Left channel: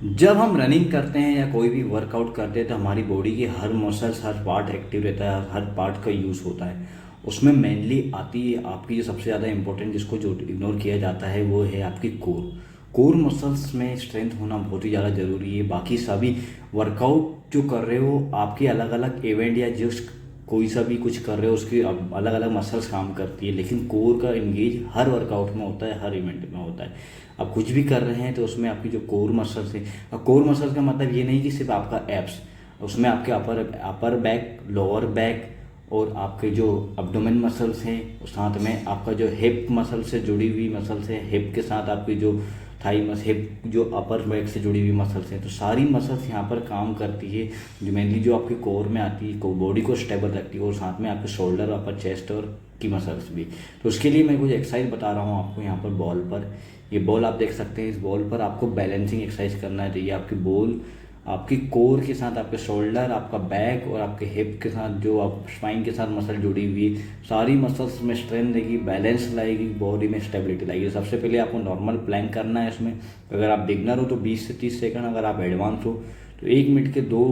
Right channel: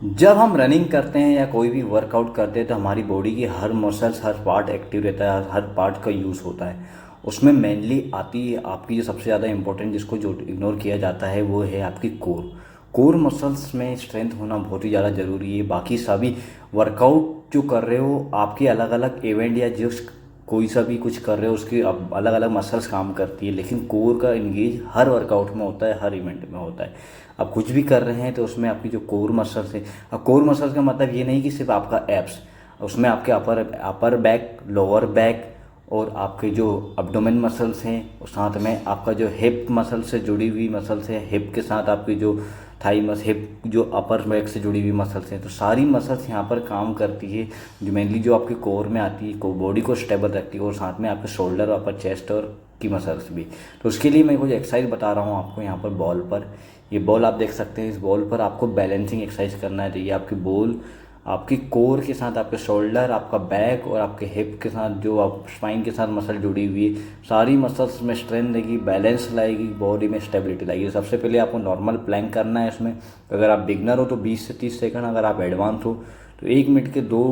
जब हम रनिंग करते हैं या कोई भी वर्कआउट करते हैं तो हमारी बॉडी की हर मसल्स हर पार्ट एक्टिव रहता है, हर पार्ट का यूज़ होता है। उसमें मेनली आती है आपकी जो सबसे ज़्यादा इंपॉर्टेंट, जिसको जो इग्नोर किया जाता है, वो है आपकी कोर। कोर मसल्स में स्ट्रेंथ होना बहुत ही ज़्यादा ज़रूरी है। बाकी सभी वर्कआउट जो कर रहे हो आपके अलग अलग इवेंट या जिस कोई सा भी कुछ कर रहे हो उसकी अब अलग अलग मसल्स काम करती है, लेकिन कोर का इंगेज हर वर्कआउट में होता है, हर इवेंट में होता है। आप कुछ भी कर रहे हैं तो उसमें आपकी जो कोर मसल्स है, अब कोर मसल्स का मतलब ये नहीं कि सिर्फ आपका एब्स, उसमें आपके अपर अपर बैक, लोअर बैक और आपके जो अब्डोमेन मसल्स हैं, और साथ में आपका जो हिप मसल से जुड़ी हुई मसल्स है, हिप के साथ आपकी जो थाई मस हिप जो अपर बैक से जुड़ी हुई मसल्स हैं, तो सारी मसल्स यहाँ पर काम करती है, जो मेनली जो आपकी कोर में आती है, को बॉडी को स्टेबल रखती है, और साथ में आपके शोल्डर, अपर चेस्ट और की मसल्स भी। तो उसके लिए मैं कुछ एक्सरसाइज बता रहा हूँ आपको यहाँ पर बॉल पर। ये बॉल आप देख सकते हैं, इस बॉल पर आपको बैलेंसिंग एक्सरसाइज करना है। तो ये आपकी बॉल आपकी कोर के साथ आपके शोल्डर, आपका बैक और आपके हिप के साथ जो आप स्पाइन के साथ मसल जुड़ी हुई, सारी मसल्स में स्ट्रेंथ देगी, बैलेंस लाएगी, बॉडी में स्टेबिलिटी लाएगी। सबसे पहले आपको नॉर्मल प्लैंक करना है। इसमें अगर आप बिगनर हो तो 20 से 30 सेकंड, अगर आप एडवांस हो तो 1 मिनट के 2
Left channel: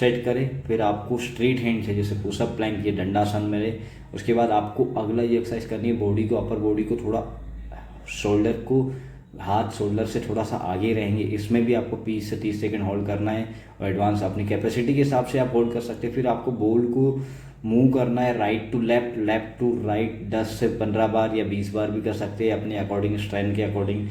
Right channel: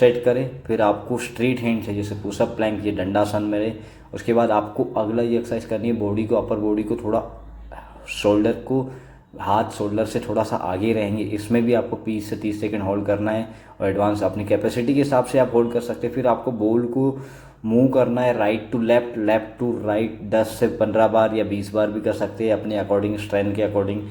सेट करें। फिर आपको स्ट्रेट हैंड से, जैसे पुशअप प्लैंक, ये दंडासन मेरे। उसके बाद आपको अगला ये एक्सरसाइज करनी है, बॉडी को, अपर बॉडी को थोड़ा, शोल्डर को, हाथ शोल्डर से थोड़ा सा आगे रहेंगे। इसमें भी आपको 20 से 30 सेकंड होल्ड करना है, और एडवांस अपनी कैपेसिटी के हिसाब से आप होल्ड कर सकते हैं। फिर आपको बॉल को मूव करना है right to left, left to right 10 से 15 बार या 20 बार भी कर सकते हैं, अपने अकॉर्डिंग, स्ट्रेंथ के अकॉर्डिंग।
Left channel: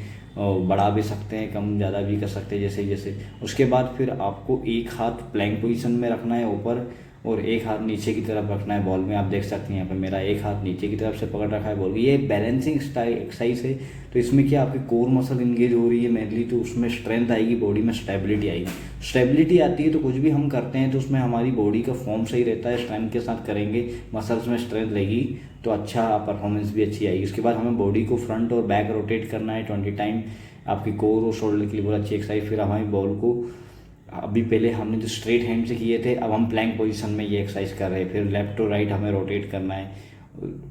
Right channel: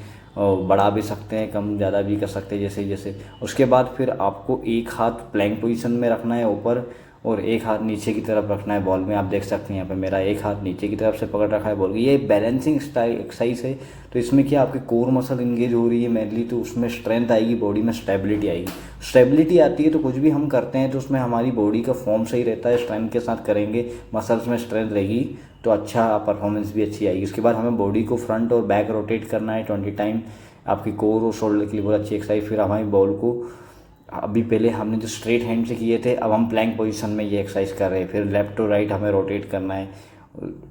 बढ़ा भी सकते हैं, कम ज़्यादा भी कर सकते हैं, जैसे जैसे। उसके बाद फिर आपको एक हाथ प्लैंक पोजीशन में रखना है ऊपर, और एक हाथ नीचे की तरफ रखना है बॉल में। आप देख सकते हैं यहाँ पे मेरा एक हाथ नीचे की तरफ से पकड़ रखा है बॉल। ये बैलेंसिंग स्टाइल एक्सरसाइज है। तो इसमें क्या आपकी कोर मसल इंगेज हो रही है मेनली, तो उसमें स्ट्रेंथ आएगी, बॉडी में स्टेबिलिटी आएगी। स्टेबिलिटी आती है तो कुछ भी हम करते हैं तो उसमें हमारी बॉडी का फॉर्म सही रहता है। स्ट्रेंथ के साथ करेंगे, मसल्स में स्ट्रेंथ रहेगी तो अच्छा परफॉर्मेंस भी अच्छी आएगी। उसके बाद हमें बॉडी को फ्रंट और बैक रोटेट करना है 20 टाइम। आपकी कोर और शोल्डर के लिए बहुत अच्छी एक्सरसाइज। फिर हमारी बॉल को, अभी पहले हमने जो स्ट्रेट हैंड से किए थे, अब हम प्लैंक पोजीशन में ये एक्सरसाइज कर रहे हैं। फिर लेफ्ट टू राइट हमें रोटेट करना है,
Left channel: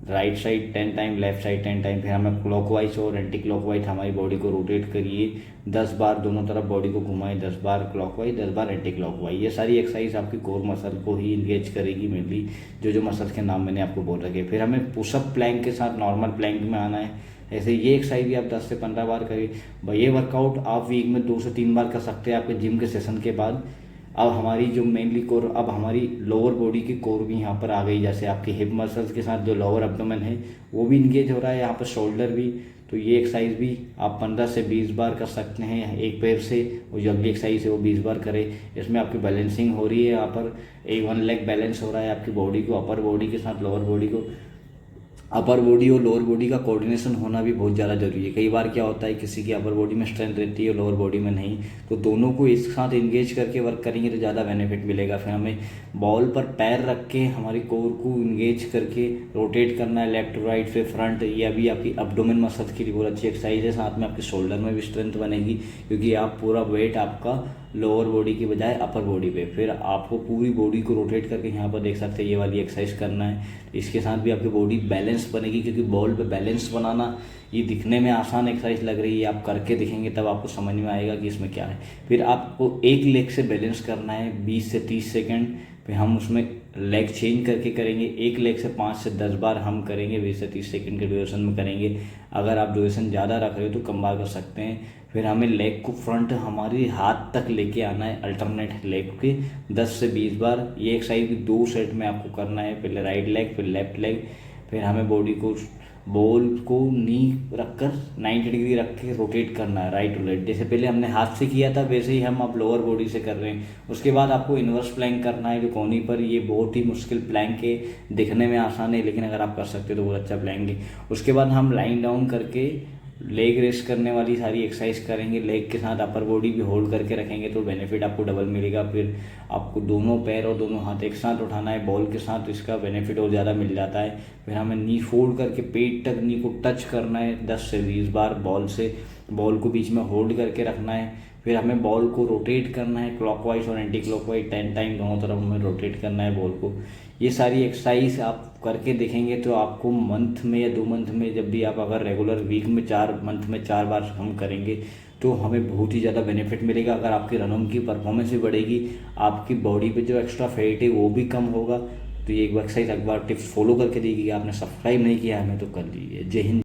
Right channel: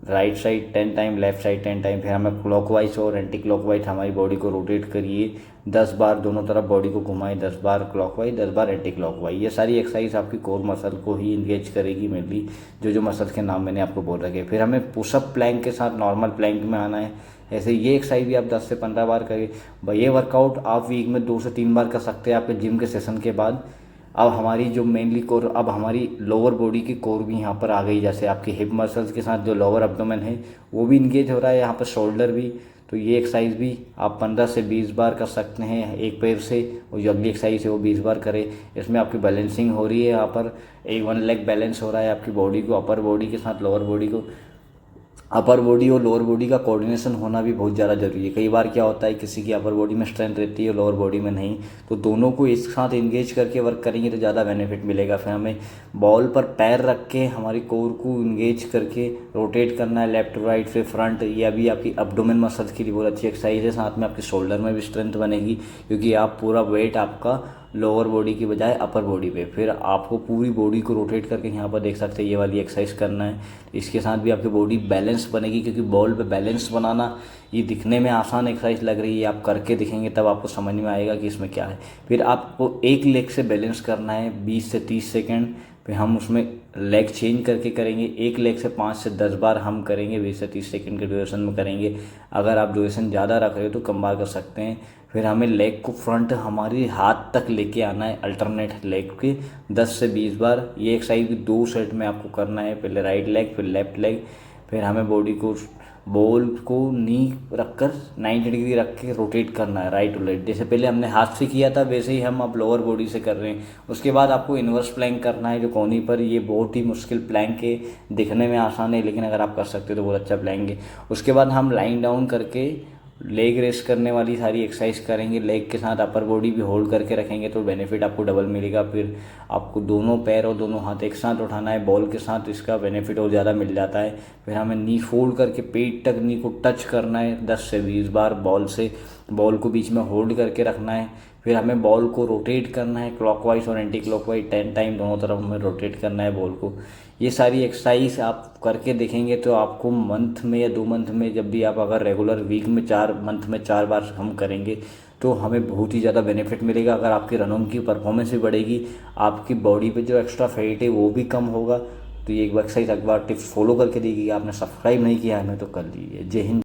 right side 10 time, left side 10 time. फिर हमें क्लॉकवाइज और एंटी क्लॉकवाइज हमारी बॉडी को रोटेट करिए 10 बार, दोनों तरफ बॉडी को घुमाएं, 10 बार क्लॉकवाइज, 10 बार एंटी क्लॉकवाइज। ये सारी एक्सरसाइज आपकी कोर मसल को ही इंगेज करेगी मेनली, जो मसल के नाम मैंने आपको बोल रखे। फिर हमें पुशअप प्लैंक के साथ नॉर्मल प्लैंक में आना है। ऐसे ये एक्सरसाइज भी आप 10 से 15 बार करिए। ये वर्कआउट आप वीक में 2 से 3 बार कर सकते हैं आपके जिम के सेशन के बाद। अब हमारी जो मेनली कोर, अब हमारी लोअर बॉडी की कोर भी यहाँ पर आ गई, जैसे आपकी हिप मसल्स के साथ जो लोअर एब्डोमेन है वो भी इंगेज हो रहा है, यहाँ पर शोल्डर भी। तो ये एक्सरसाइज भी आप 15 से 20 बार कर सकते हैं एक पैर से, और जो अगली एक्सरसाइज है वो 20 बार करें। इसमें आपकी बैलेंसिंग हो रही है, यहाँ पर एक 1 लेग बैलेंस हो रहा है आपकी बॉडी को, अपर बॉडी के साथ लोअर बॉडी को। अपर बॉडी और लोअर बॉडी का कोऑर्डिनेशन होना भी बहुत ज़्यादा जरूरी है। कई बार क्या होता है, किसी की अपर बॉडी में स्ट्रेंथ रहती है, लोअर बॉडी में नहीं, तो दोनों को एक साथ एंगेज करके वर्क करेंगे तो ज़्यादा बेनिफिट मिलेगा। फिर हमें बॉल पर पैर रख के हमारी कोर को इंगेज करके रोटेट करना है लेफ्ट टू राइट, फिर फ्रंट। ये अभी आपकी अब्डोमेन मसल्स के लिए बहुत अच्छी एक्सरसाइज है। साथ में आपके शोल्डर में भी स्ट्रेंथ बनेगी, क्योंकि आप पूरा वेट आपका लोअर बॉडी की बजाय अपर बॉडी पे। फिर आपको पूरी बॉडी को रोटेट करके यहाँ पर देख सकते हैं ये वाली एक्सरसाइज करना है। इसके साथ भी आपकी बॉडी बैलेंस बनेगी, क्योंकि बॉल पे बैलेंस बनाना ये दिखने में आसान एक्सरसाइज लग रही है, आप करके दिखेंगे तब आपको समझ में आएगा कि इसमें क्या है। फिर आपको एक लेग से बैलेंस करना है 20 से 30 सेकेंड। फिर हम उसमें लेग चेंज करके करेंगे, एक लेग से 5 से 10 बार हम करेंगे, 20 से 30 सेकंड के ड्यूरेशन में करेंगे। अगर आप ड्यूरेशन ज़्यादा रख रहे हो तो कम बार कर सकते हैं। फिर हमें लेग को फ्रंट हमारी हाथ तक लेके आना है, अल्टरनेट लेग के 10 से 20 बार। ये एक्सरसाइज भी 2 सेट में आपको करना है, पहले राइट लेग फिर लेफ्ट लेग। फिर हमें बॉडी को, बॉल को नी रखकर 90 डिग्री रख के रोटेट करना है राइट टू लेफ्ट। जैसे पहले हमने हाथ से किया था वैसे ही हम अब लोअर बॉडी से कर रहे हैं। उसके बाद आपको इन्वर्स प्लैंक करना है, जो कोनी पर। ये बहुत ही मुश्किल प्लैंक है, दिखने में आसान है, लेकिन अगर आप कर सकते हो तो बहुत अच्छा प्लैंक है। उसके बाद हम लाइन डाउन करके लेग रेस्ट करने वाली सारी एक्सरसाइज करेंगे, लेग के साथ अपर बॉडी भी होल्ड करके रखेंगे तो बेनिफिट आपको डबल मिलेगा। फिर आपको दोनों पैर और दोनों हाथ एक साथ उठाना है बॉल के साथ, इसका बेनिफिट और ज़्यादा मिल जाता है। फिर हमें नी फोल्ड करके पेट तक नी को टच करना है 10 से 20 बार बॉल से, बॉल को बीच में होल्ड करके रखना है। फिर हमें बॉल को रोटेट करना है क्लॉकवाइज और एंटी क्लॉकवाइज 10 टाइम, दोनों तरफ हमें रोटेट करना है बॉल को। ये सारी एक्सरसाइज आप करके देखेंगे तो आपको मंथ में या 2 मंथ में, जब भी आप अगर रेगुलर वीक में 4 मंथ में 4 बार हम करेंगे तो हमें बहुत ही ज़्यादा बेनिफिट मिलेगा। अगर आपकी रनिंग की परफॉर्मेंस भी बढ़ेगी, आपकी बॉडी पे जो एक्स्ट्रा फैट है वो भी कम होगा। तो ये एक एक्सरसाइज एक बार टिप्स फॉलो करके देखिए। आपने सब्सक्राइब नहीं किया है हमें तो कर लीजिए। जय हिंद।